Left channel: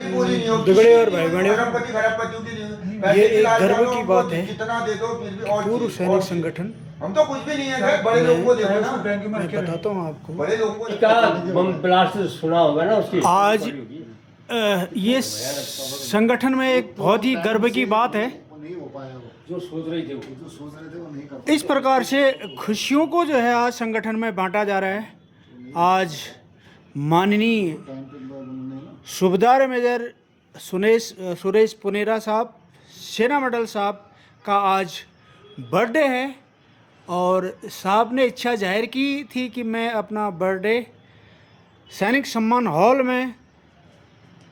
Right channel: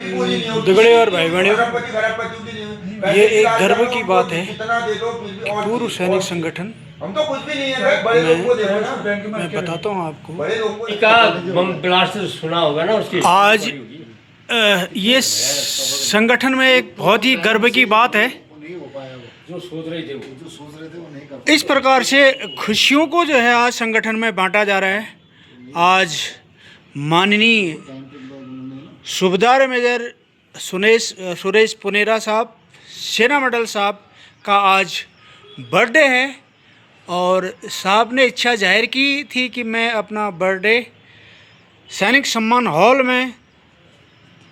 दगड़े और भाई बहनों, ये एक गर्व की बात है कि पूर्व सैनिक संगठन मैं बताता हूँ आपको का बम ब्लास्ट सुना होगा ना उसकी आज ये संगठन में एक बहुत ही गर्व की बात है। जो सोच रहे थे वो नहीं कर इस प्रकार से खुशियों को जो है आज संगठन में बांटा जा रहा है। आज माननीय सूबेदार मेजर सुरेश पुनेरा साहब, सेना मेडल साहब का आज बर्थडे है और साहब ने इच्छा जाहिर की थी कि मैं अपना बर्थडे सैनिक सम्मान हॉल में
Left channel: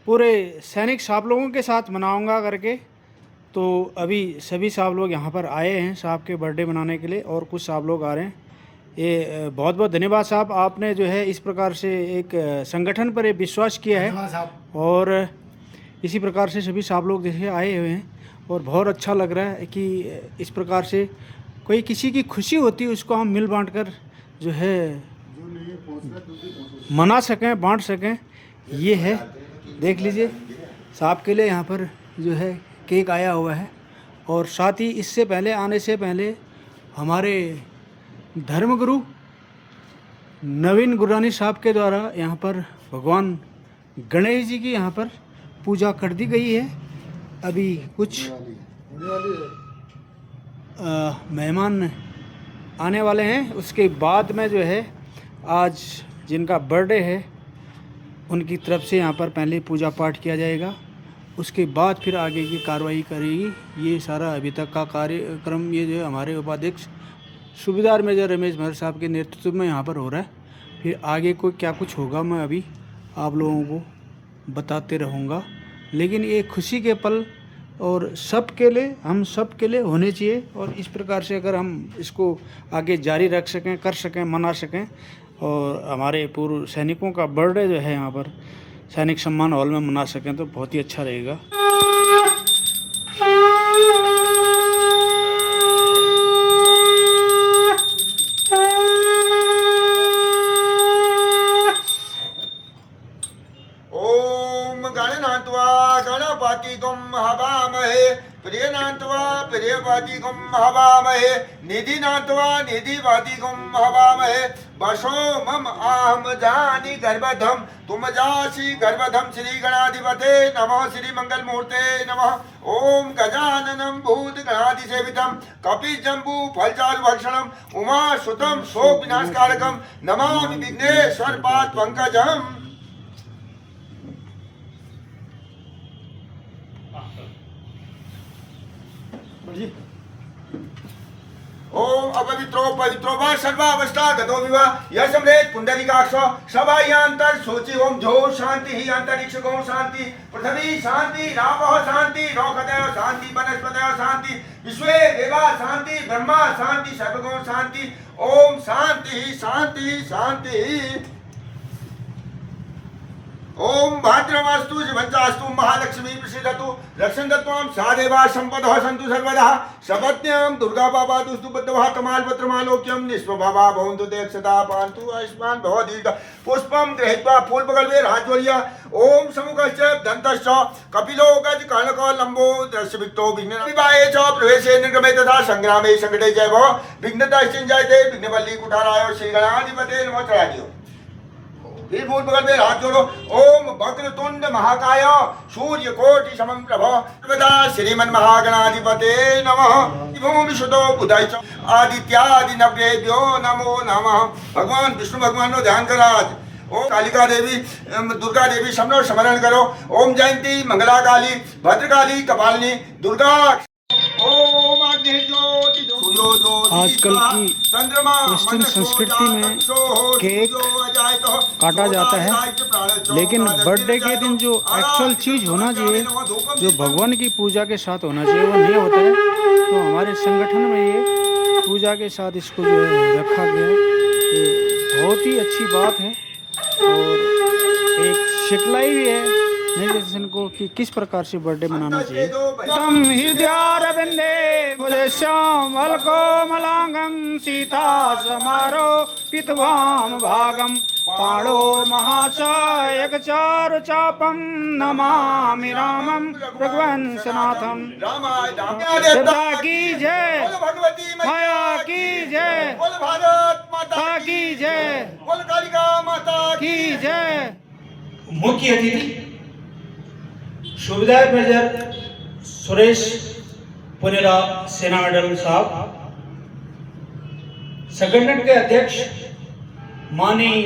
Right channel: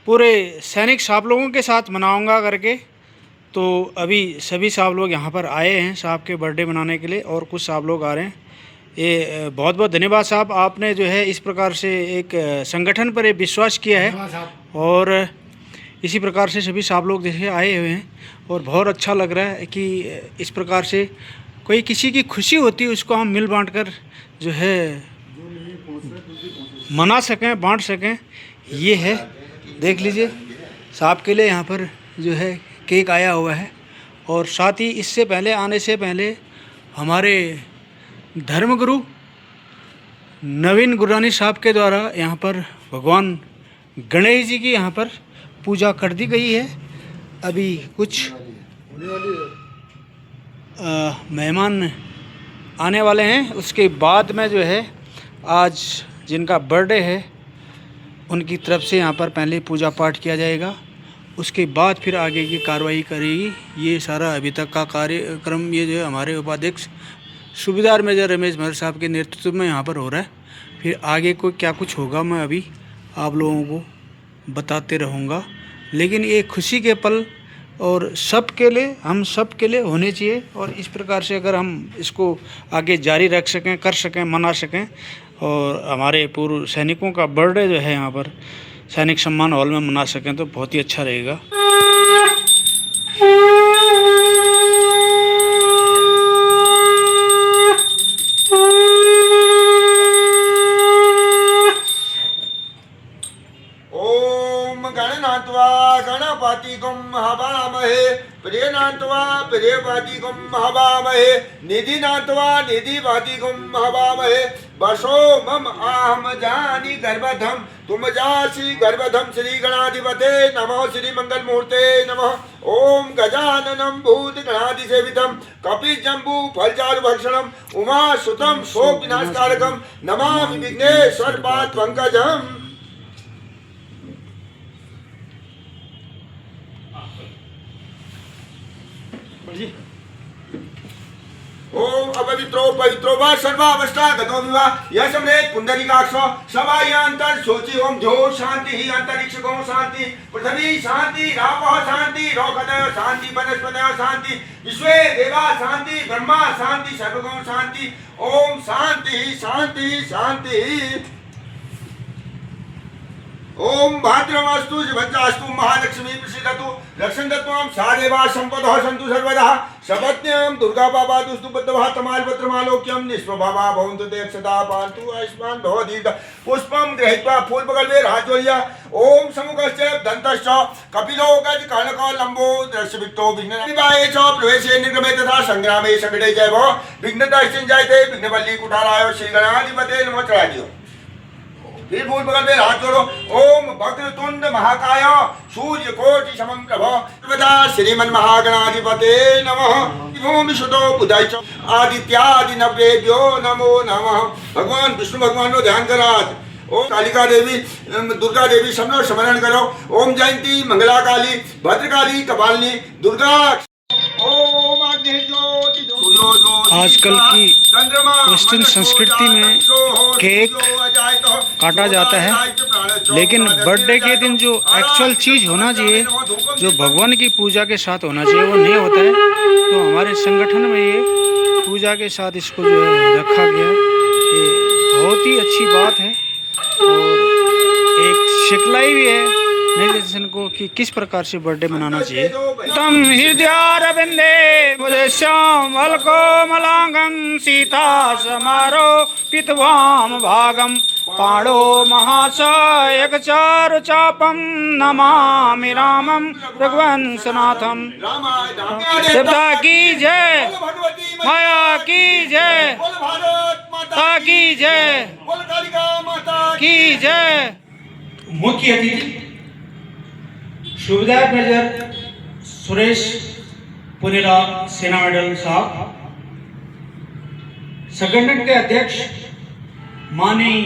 पूरे सैनिक साहब लोगों के साथ मनाऊंगा करके। तो अभी सभी साहब लोग यहाँ पर आए हैं साहब के बर्थडे मनाने के लिए और कुछ साहब लोग आ रहे हैं। ये बहुत बहुत धन्यवाद साहब, आपने जो है इस प्रकार से एक संगठन पर विश्वास किया है और इसी प्रकार से सभी साहब लोग जैसे आए हुए हैं और बहुत अच्छा लग रहा है कि इस प्रकार से कोई किसी की खुशी होती है उसको हम मिल बांट कर जो है मना सकें, बांट सकें। ये है, देख लीजिए साहब के लिए यहाँ पर जो है केक आया हुआ है और साथ ही इससे पहले आने से पहले हमारे धर्मगुरु नवीन गुरानी साहब के द्वारा यहाँ पर भगवान गणेश जी की यहाँ पर पूजा कर दी गई है। अभी कुछ मेहमान आने वाले हैं, उसके बाद में जो है आज जिनका बर्थडे है उनकी तरफ से यहाँ पर पहले पूजा पाठ किया जाएगा, उसके बाद फिर आगे की कार्रवाई करेगी। ये सारा अभी तक का कार्यक्रम ये जो है हमारे उपाध्यक्ष सूबेदार मेजर रमेश महर साहब के नेतृत्व में यहाँ पर हो रहा है। फिर आगे को क्या कुछ होगा मैं अभी आप लोगों को बताते रहूँगा, लेकिन ये खुशी के पल और सब के लिए, हम सब के लिए होने चाहिए और इस प्रकार से अगर हम इसको आगे जारी रख सकें, कर सकें, मना सकें और हमारे पूर्व सैनिकों का बर्थडे जो है यहाँ पर सैनिक सम्मान हॉल में मना सकें तो बहुत ही अच्छा रहेगा। गणनात्वा गणपतिगुं हवामहे प्रियनात्वा प्रियपतिगुं हवामहे निधिनात्वा निधिपतिगुं हवामहे वशो मम आहम जानी गर्भधम तुम जासी गर्भधम श्री गणाधिपते नमः श्री मंगल मूर्ते नमः। ओम गजाननं भूत गणाधि सेवितं कपि जम्बू फलचारु भक्षणम उमा सुतम शोक विनाशकारकम नमामि विघ्नेश्वर पाद पंकजम। ओम अपवित्रो पवित्रो वा सर्वावस्था गतो विवाह यह सम्रेत पुंडरीकाक्षो सभायांतर सोचि ओम जो शांति ही अंतरिक्ष को शांति पृथ्वी शांति रापः शांति रोगदय शांति वनस्पतय शांति विश्वे देवा शांति ब्रह्मा शांति सर्वगुण शांति ओम शांति शांति शांति। ओम भाद्रमास्तु शिवंचास्तु महालक्ष्मी प्रसीदतु रक्षन्तत्वां सा देवा सम्पदः सन्तु सर्वदा सपत्न्यां दुर्गा बाबा दुस्तु बद्धवः तमालपत्रमालोक्यं निष्प्रभवा भवन्तु ते अक्षता पान्तु आयुष्मान् भव दीर्घ पुष्पं गृहीत्वा फूलपकल्पे राजवर्य ओम समुखश्च दन्तश्च कपिलो गज कर्णको लम्बो दर्शविक्तो विघ्नविवाहे च प्रवेशे निर्गमे तथा संग्रामे संकटे जय भव विघ्नतश्चिञ्जायते विघ्नवल्ली कुठाराय श्रीगणाधिपते नमो चढ़ादियो। फिर फूल बगल में हाथ जोड़ो। ओम वक्रतुंड महाकाय सूर्य कोटि समम प्रभ श्रीमन महागणाधिपते नमः। ओम विशुद्धो बुधाय च आदित्यादि नवदेव्यो नमो नमः। भगवान विष्णु भगवान नो ध्यान करो आज। ओम कालिका देवी दुर्गा देवी सबनो स्मरण करो। ओम जयंती मंगला काली भद्रकाली कपालिनी दुर्गा। आजकल की वेस्टर्न संस्कृति में केक काटा जाता है, लेकिन बर्थडे के दिन जो एक्चुअल चीज़ होना चाहिए, जो भगवान की पूजा के साथ होना चाहिए, वो नहीं होता है। तो हमारे संगठन में ये पूजा के साथ इसको जो है रखा गया है, ये बहुत ही अच्छी बात है और एक सिखलाई भी है नए जनरेशन को कि किस प्रकार से बर्थडे मनाना चाहिए। तम हृदयारविंदे मुझे श्याम अलको मलांगम सीता समारो पितवाम भागम पाणो महाशयक चारु चापम नमामि रामम रघुवंशनाथम। देवता की जय, भगवती माया की जय, बोल भारत माता की जय, बोल कालिका माता की जय। मुख्य अतिथि सुबेदार मेजर सुरेश पुनेरा सेना मेडल साहब, संगठन के अध्यक्ष माननीय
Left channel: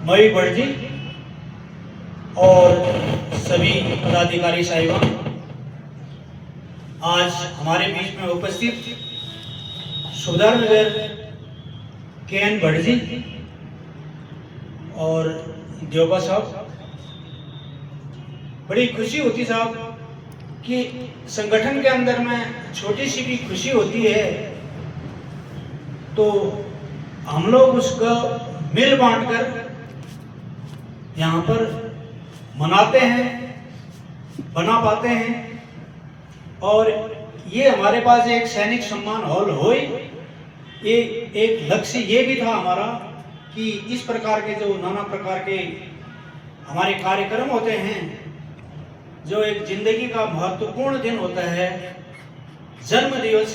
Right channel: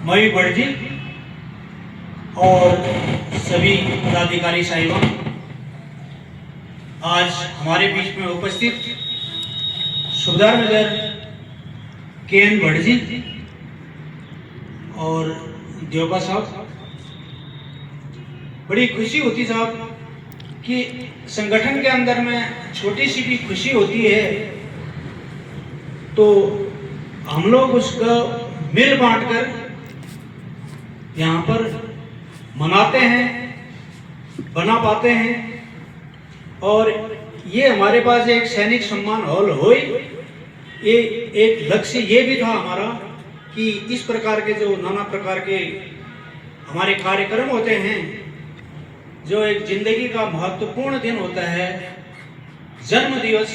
मयूर भट्ट जी और सभी पदाधिकारी साहिबान, आज हमारे बीच में उपस्थित सुबेदार मेजर के.एन. भट्ट जी और देवबा साहब, बड़ी खुशी होती साहब कि संगठन के अंदर में छोटी सी भी खुशी होती है तो हम लोग उसको मिल बांटकर यहाँ पर मनाते हैं, बना पाते हैं। और ये हमारे पास एक सैनिक सम्मान हॉल हो, ये एक लक्ष्य ये भी था हमारा कि इस प्रकार के जो नाना प्रकार के हमारे कार्यक्रम होते हैं, जो एक जिंदगी का महत्वपूर्ण दिन होता है जन्म दिवस,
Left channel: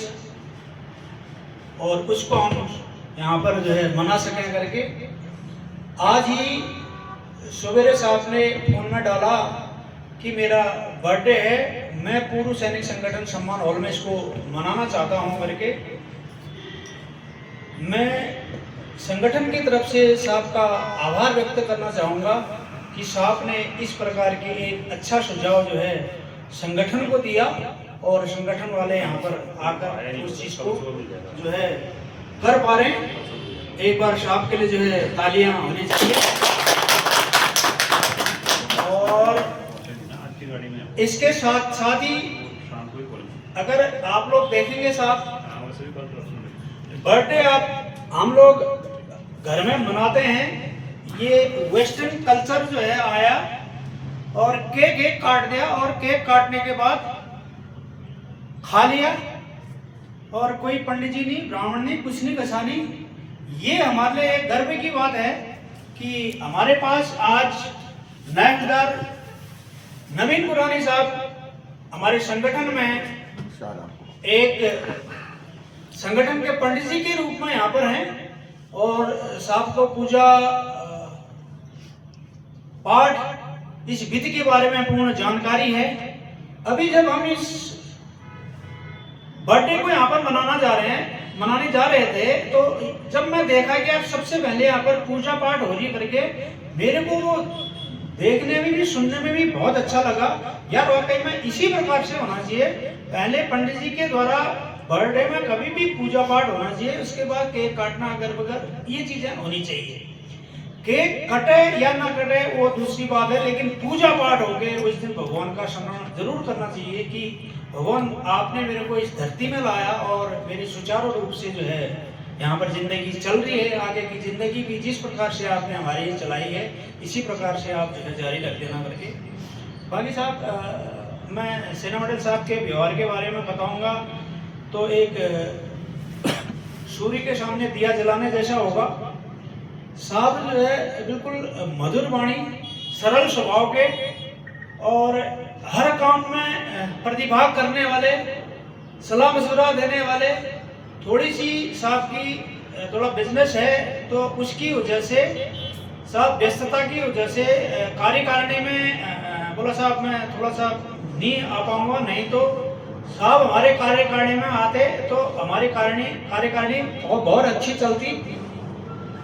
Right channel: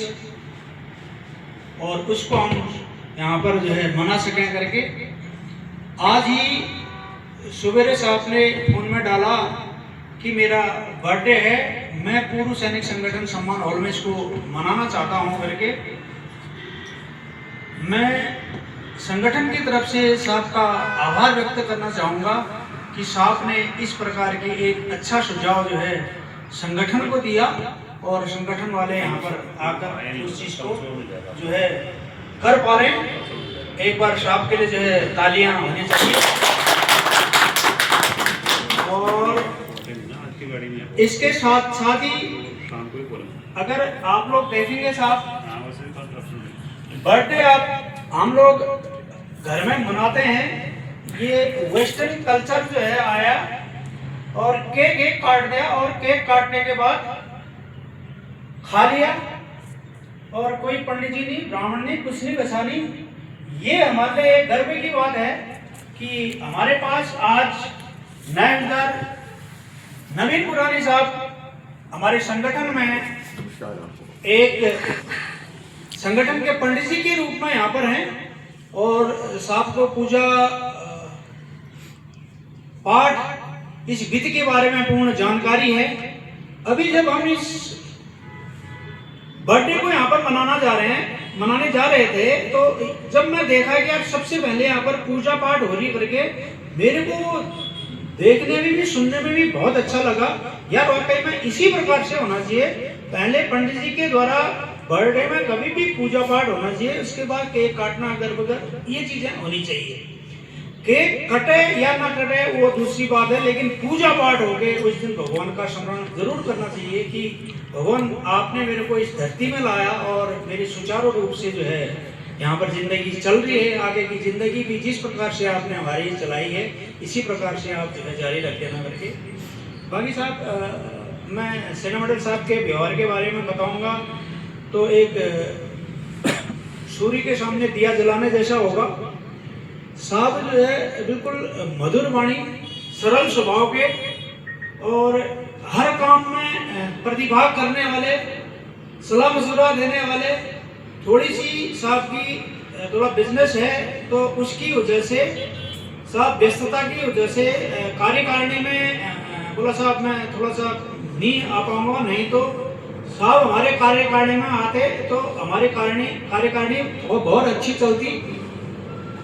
और उसको हम यहाँ पर जो है मना सकें करके। आज ही सवेरे साहब ने फोन में डाला कि मेरा बर्थडे है, मैं पूर्व सैनिक संगठन सम्मान हॉल में इसको मनाना चाहता हूँ करके। मैं संगठन की तरफ से साहब का आभार व्यक्त करना चाहूँगा कि साहब ने इस प्रकार की एक अच्छा सुझाव जो है संगठन को दिया और संगठन वाले यहाँ पर आकर उस चीज़ को जो है कर पा रहे हैं। एक बार साहब के लिए जो है तालियां होनी चाहिए। और इसके साथ साथ ही अगर आप लोग देखेंगे साहब, बर्थडे आप हम लोग घर में मनाते हैं, ये वेस्टर्न कल्चर जो है आया और केक काट दिया और केक काटने के बाद खा लिया और कोई पंडित जी नहीं, ब्राह्मण नहीं, कुछ नहीं, कसा नहीं। ये हमारे लिए गर्व की बात है कि हमारे पास आज नायकदार नवीन पुरानी साहब हमारे संगठन में एक संगठन के पंडित जी के रूप में यहाँ पर हैं और साहब को पूजा पाठ इस विधि के बारे में पूर्ण जानकारी है। अभी जब हम इस बर्थडे को यहाँ पर मनाने जा रहे थे तो जब मैं देखा कि अब सबसे पहले यहाँ पर पूजा पाठ हो रही करके, मेरे को वो देखने में भी सुनने में भी बहुत अच्छा लगा। यार वाकई में इसी प्रकार से होना चाहिए। पहले पंडित जी के द्वारा बर्थडे में कभी भी पूजा पाठ होना चाहिए, उसके बाद केक काटना इधर उधर ये चीजें होनी चाहिए। केक कटे या ना कटे वो दूसरी बात है, लेकिन पूजा पाठ हो गए उस दिन भगवान का स्मरण जरूर करना चाहिए कि भगवान आपने मेरे को इस धरती में लाया और मेरी सुचारू रूप से जो है यहाँ पर जिंदगी चल रही है। आगे की जिंदगी भी जिस प्रकार से आपने हमारी चलाई है इसी प्रकार से आप जो है जारी रख देना करके। बाकी साहब मैं सेना मेडल साहब के व्यवहार के बारे में बताऊंगा तो एक सूर्य के सामने दिया जलाने जैसा होगा। साहब जो है बिल्कुल मधुर वाणी, सरल स्वभाव के और हर काम में प्रतिभाग करने वाले, सलाह मशुरा देने वाले। थोड़ी सी साहब की थोड़ा बिजनेस है तो उसकी वजह से साहब व्यस्तता की वजह से कार्यकारिणी में बोला साहब मैं थोड़ा सा नहीं आ पाऊंगा, नहीं तो साहब हमारे कार्यकारिणी में आते तो हमारी कार्यकारिणी बहुत अच्छी चलती।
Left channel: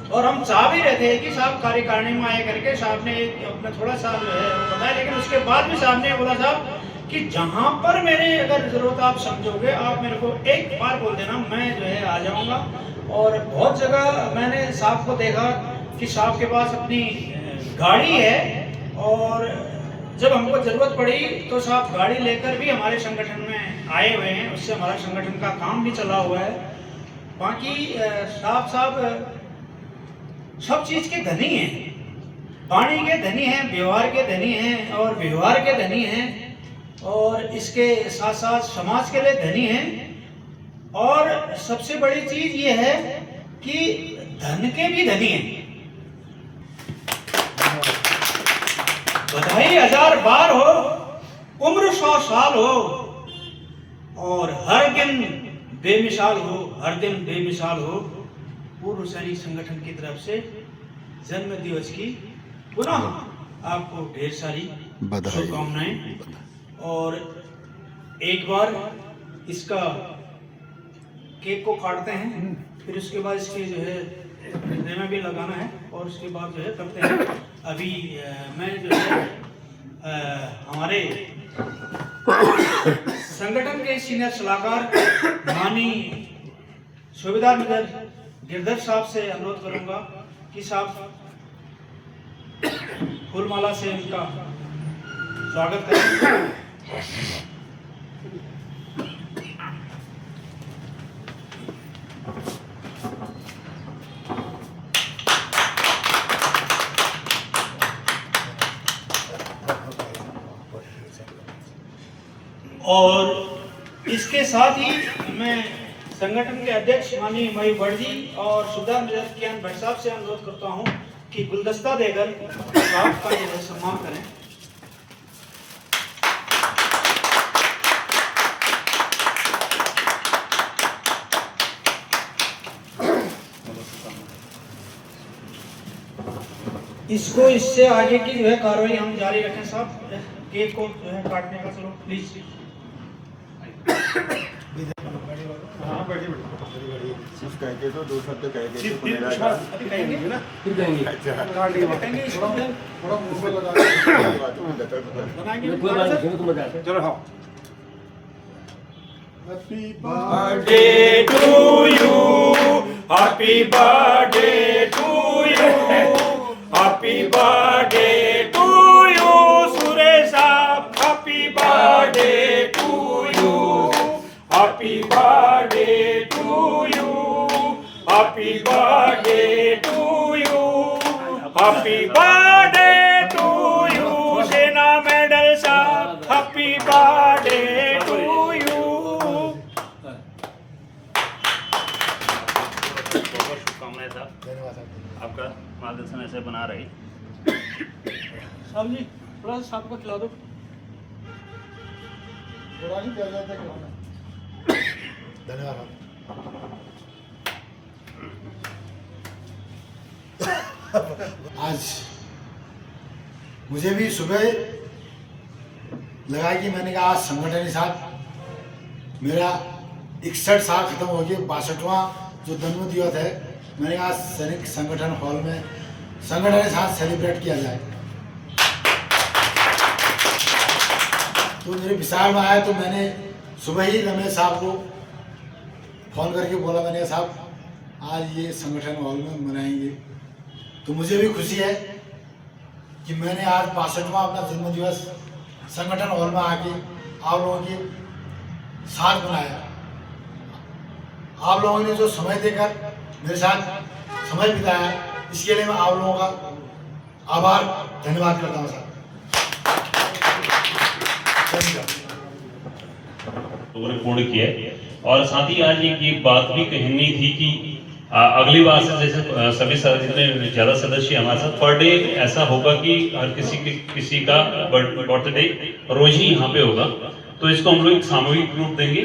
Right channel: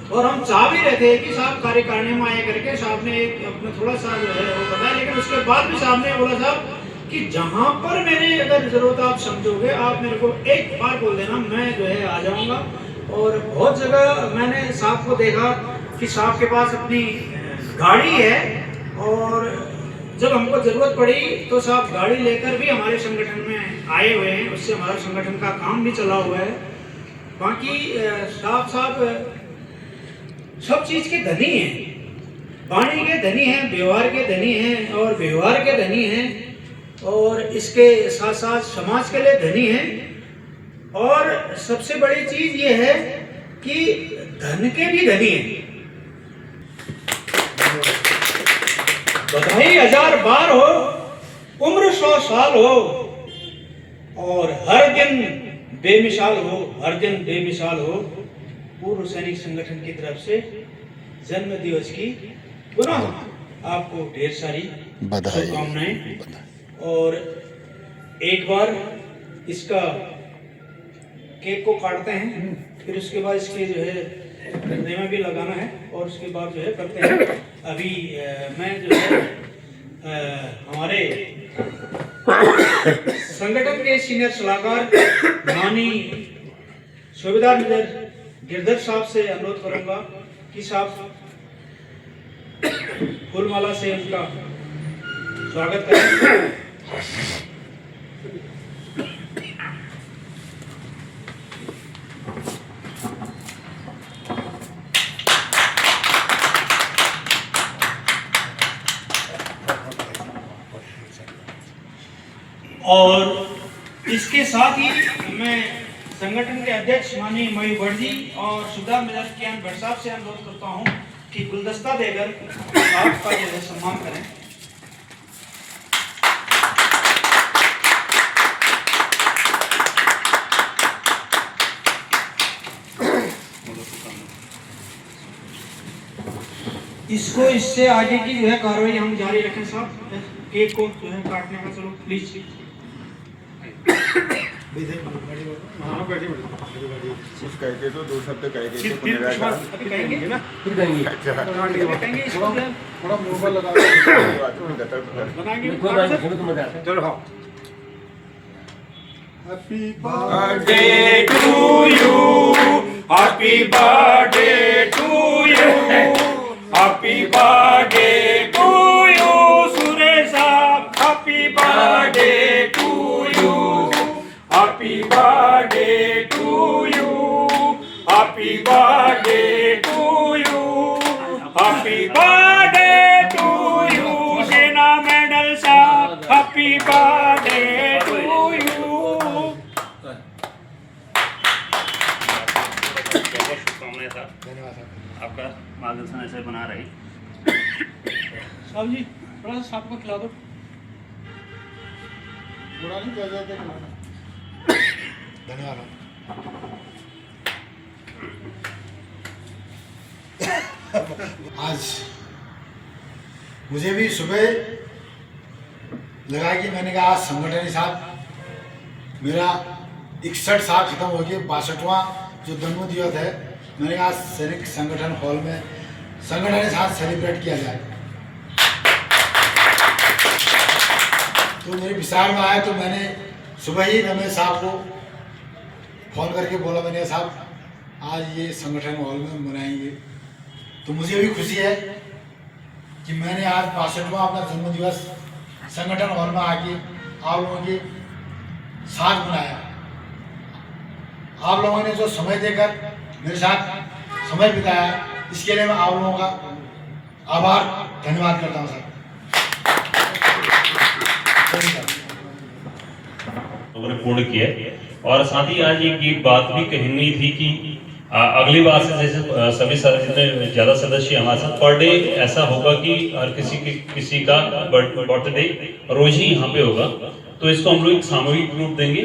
और हम चाह भी रहे थे कि साहब कार्यकारिणी में आए करके साहब ने अपना थोड़ा सा जो है वो बताया, लेकिन उसके बाद भी साहब ने बोला साहब कि जहाँ पर मेरे अगर जरूरत आप समझोगे आप मेरे को एक बार बोल देना, मैं जो है आ जाऊँगा। और बहुत जगह मैंने साहब को देखा कि साहब के पास अपनी गाड़ी है और जब हमको ज़रूरत पड़ी तो साहब गाड़ी लेकर भी हमारे संगठन में आए हुए हैं, उससे हमारा संगठन का काम भी चला हुआ है। बाकी साहब सब चीज़ के धनी हैं। वाणी के धनी हैं, व्यवहार के धनी हैं और व्यवहार के धनी हैं, और इसके साथ साथ समाज के लिए धनी हैं, और सबसे बड़ी चीज ये है कि धन के भी धनी हैं। बधाई 1000 बार हो, उम्र 100 साल हो, और हर दिन बेमिसाल हो, हर दिन बेमिसाल हो। पूर्व सैनिक संगठन की तरफ से जन्म दिवस की पुनः आपको ढेर सारी शुभकामनाएं। और एक बार इसका केक को काटते हैं, फिर उसके बाद इसके जो है नेमा भी लगाना है, और उसके बाद जो है करते हैं। अभी मैं जो है हमारे संगठन के सीनियर सलाहकार माननीय सूबेदार मेजर गिरधर साहब से अनुरोध करूंगा कि साहब फूलमाला से उनका स्वागत करें। और इसके साथ ही मैं संगठन के अध्यक्ष माननीय मयूर भट्ट जी और सुबेदार मेजर कियान भट्ट साहब से अनुरोध करता हूं कि गुलदस्ता देकर साहब का जो है सम्मान करें। इसको इससे आगे की जो है कार्रवाई हम जारी रखें साहब। केक को जो है काटने का चलो प्लीज। सिर्फ कह के तो 2 शब्द कह के तो पुनेरा का अभी कहेंगे ना, फिर कहेंगे कहेंगे इसको थोड़ा मुंह पर लगा बनाएंगे। चलो हाँ। Happy birthday to you, happy birthday to you, happy birthday to you Suresh sahab, happy birthday to you, happy birthday to you, happy birthday to you, happy birthday to you Sena medal sahab, happy birthday to you. बहुत शुभकामनाएं sir, आपका मार्गदर्शन ऐसे बना रही। साहब जी थोड़ा सा सांप को खिला दो। बुरा नहीं कह जाते। धन्यवाद। आज मुझे भी सुबह लगा कि मैंने कहा आज संगठन ही साहब मेरा 61 साल खत्म हो गया, 62वां जो जन्म दिवस है, मैंने कहा सैनिक संगठन हॉल में संगठन के साथ सेलिब्रेट किया जाए। तो मेरे विचार में आया तो मैंने सुबह ही रमेश साहब को फ़ोन करके बोला, मैंने साहब आज ये संगठन हॉल में मनाएंगे। तो मुझे भी खुशी है कि मैंने आज 62वां अपना जन्मदिवस संगठन हॉल में आके आप लोगों के साथ मनाया। आप लोगों ने जो समय देकर मेरे साथ समय बिताया, इसके लिए मैं आप लोगों का आभार धन्यवाद करता हूँ साहब। पूर्ण किया, और साथ ही आज एक बात भी कहनी थी कि अगली बार से जैसे सभी जितने ज़्यादा सदस्य हमारे साथ पर डे ऐसा होगा कि हर किसी का बर्थडे रोज ही यहाँ पे होगा, तो इसको हम लोग एक सामूहिक रूप देंगे।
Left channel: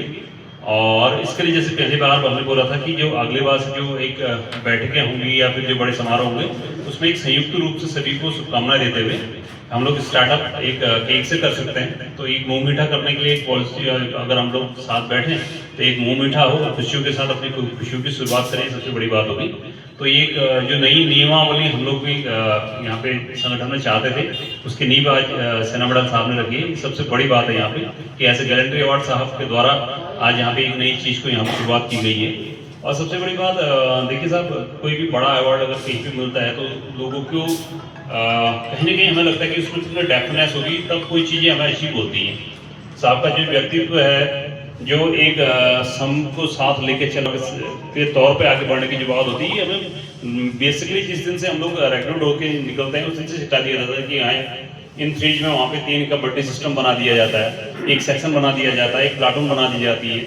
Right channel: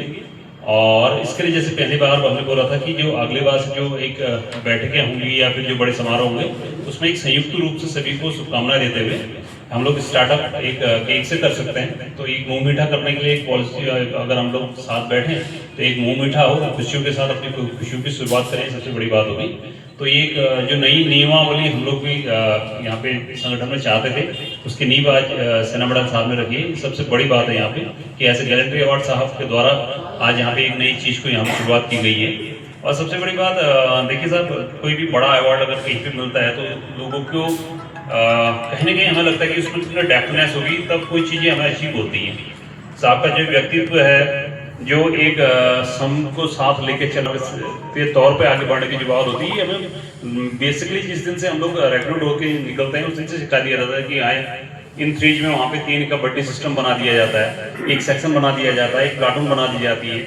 और इसके लिए जैसे पहली बार हमने बोला था कि जो अगले बार से जो एक बैठकें होंगी या फिर जो बड़े समारोह होंगे, उसमें एक संयुक्त रूप से सभी को शुभकामनाएं देते हुए हम लोग स्टार्टअप एक केक से कर सकते हैं। तो एक मुंह मीठा करने के लिए एक पॉलिसी, अगर हम लोग साथ बैठे तो एक मुंह मीठा हो, खुशियों के साथ अपनी खुशियों की शुरुआत करें, सबसे बड़ी बात होगी। तो एक जो नई नियमावली हम लोग भी यहाँ पे संगठन में चाहते थे, उसकी नींव आज सेना मेडल साहब ने रखी है। सबसे बड़ी बात है यहाँ पे कि ऐसे गैलेंट्री अवार्ड साहब के द्वारा आज यहाँ पे एक नई चीज़ को यहाँ पे शुरुआत की गई है। और सबसे बड़ी बात देखिए साहब, कोई भी बड़ा अवार्ड अगर कहीं पे मिलता है तो लोगों को कहीं ना कहीं हमें लगता है कि उसमें डेफनेस होगी तब कोई चीज़ें हमें अचीव होती हैं। साहब का जो व्यक्तित्व है, जो एक सम को साथ लेके चलने के तौर पे आगे बढ़ने की जो बात होती है, हमें बेसिकली जिस दिन से हम लोग रेक्रूट होके निकलते हैं उस दिन से सिखा दिया जाता है कि आए इन थ्रीज में वहाँ पे 3 कबड्डी सिस्टम बना दिया जाता है, एक सेक्शन बना दिया जाता है, एक प्लाटून बना दी जाती है,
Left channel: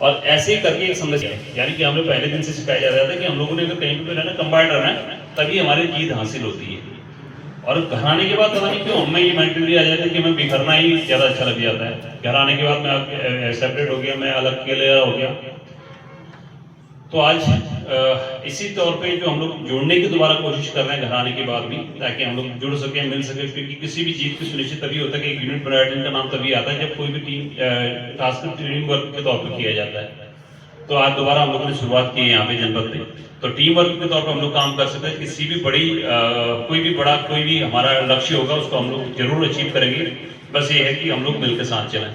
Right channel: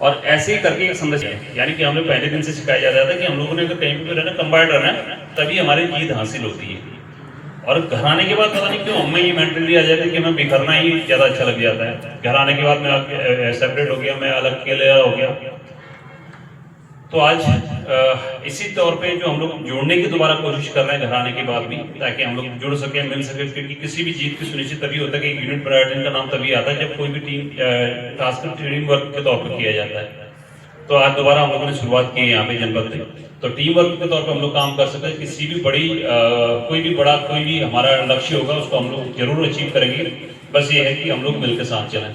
और ऐसे ही करके एक संदेश है। यानी कि हमें पहले दिन से सिखाया जाता है कि हम लोगों ने अगर कहीं पे रहना, कंबाइंड रहना है, तभी हमारी जीत हासिल होती है। और घर आने के बाद पता नहीं क्यों हमें ये मेंटली आ जाता है कि हमें बिखरना ही ज़्यादा अच्छा लग जाता है। घर आने के बाद मैं सेपरेट हो गया, मैं अलग अकेले हो गया। तो आज इसी तौर पे जो हम लोग जोड़ने की दोबारा कोशिश कर रहे हैं घर आने के बाद भी, ताकि हम लोग जुड़ सके, मिल सके, क्योंकि किसी भी जीत की सुनिश्चित तभी होता है कि एक यूनिट बैटालियन का नाम तभी आता है जब कोई भी टीम खासकर टीम वर्क के तौर पर किया जाता है। तो आज दोबारा हम लोगों ने शुरुआत की है यहाँ पे जनपद में, तो टीम वर्क के तौर पर हम लोग काम कर सकते हैं। किसी भी बड़ी कोई भी हमारा लक्ष्य होगा उसको हम लोग जरूर अचीव करेंगे। बस ये है कि हम लोग मिलकर साथ चलें।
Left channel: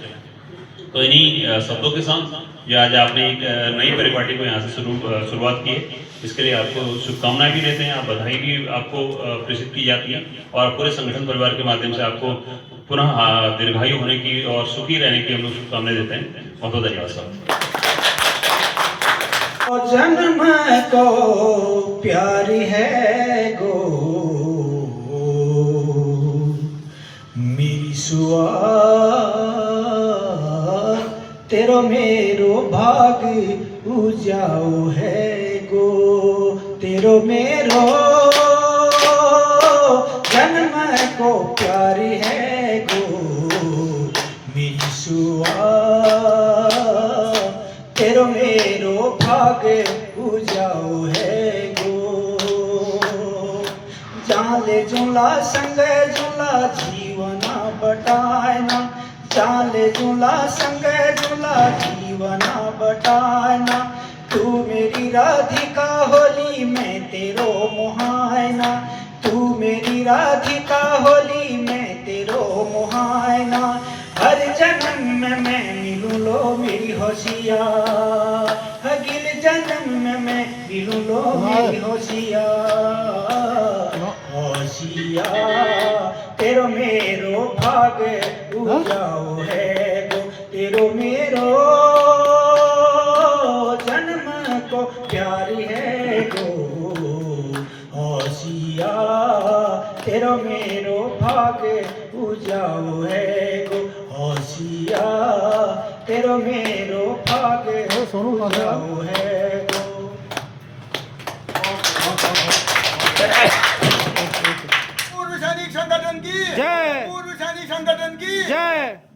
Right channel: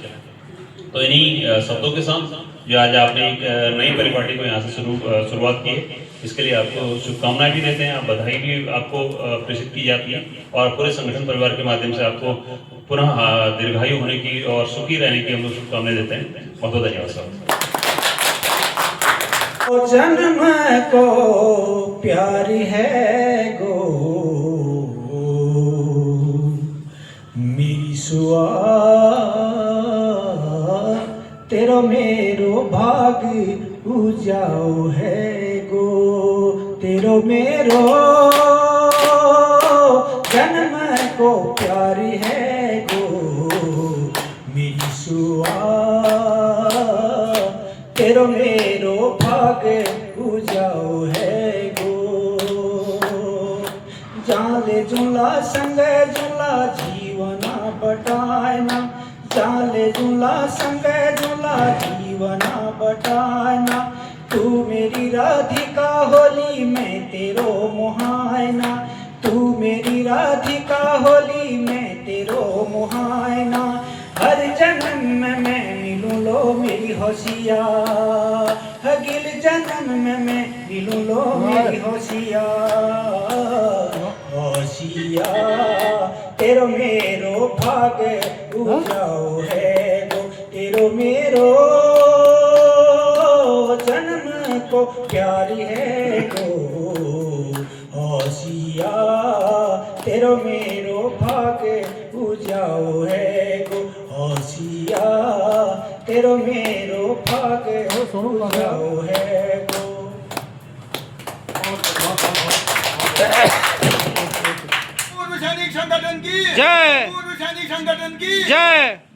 तो इन्हीं शब्दों के साथ जो आज आपने एक नई परिपाटी को यहाँ से शुरुआत की है, इसके लिए आपको शुभकामनाएं भी देते हैं, आप बधाई भी आपको प्रेषित की जाती है, और पूरे संगठन परिवार के माध्यम से आपको पुनः दीर्घायु होने की और सुखी रहने की हम लोग शुभकामनाएं देते हैं। बहुत बहुत धन्यवाद सर। जन्म को प्यारी है गो मेरी सुआ, तेरो मेरो भाग उजाओ है गो, तेरो मेरो जन्म को प्यारी है गो मेरी सुआ, तेरो मेरो भाग उजाओ है गो, जाले जुला संग जुला जीवना बटाना, जाले जुला संग जुला जीवना बटाना, तू मेरी राधिका होली में तेरो मुहायना, तू मेरी राधिका होली में तेरो मुहायना, हर जन्म में मैं मिलूं लो मेरी होशिया, अगले जन्म में मैं मिलूं लो मेरी होशिया, होशिया तेरो मेरो भाग उजाओ है गो, तेरो मेरो जन्म को प्यारी है गो, होशिया तेरो मेरो भाग उजाओ है गो, होशिया तेरो मेरो भाग उजाओ है गो। पूर्व सैनिक संगठन की जय। पूर्व सैनिक संगठन की जय।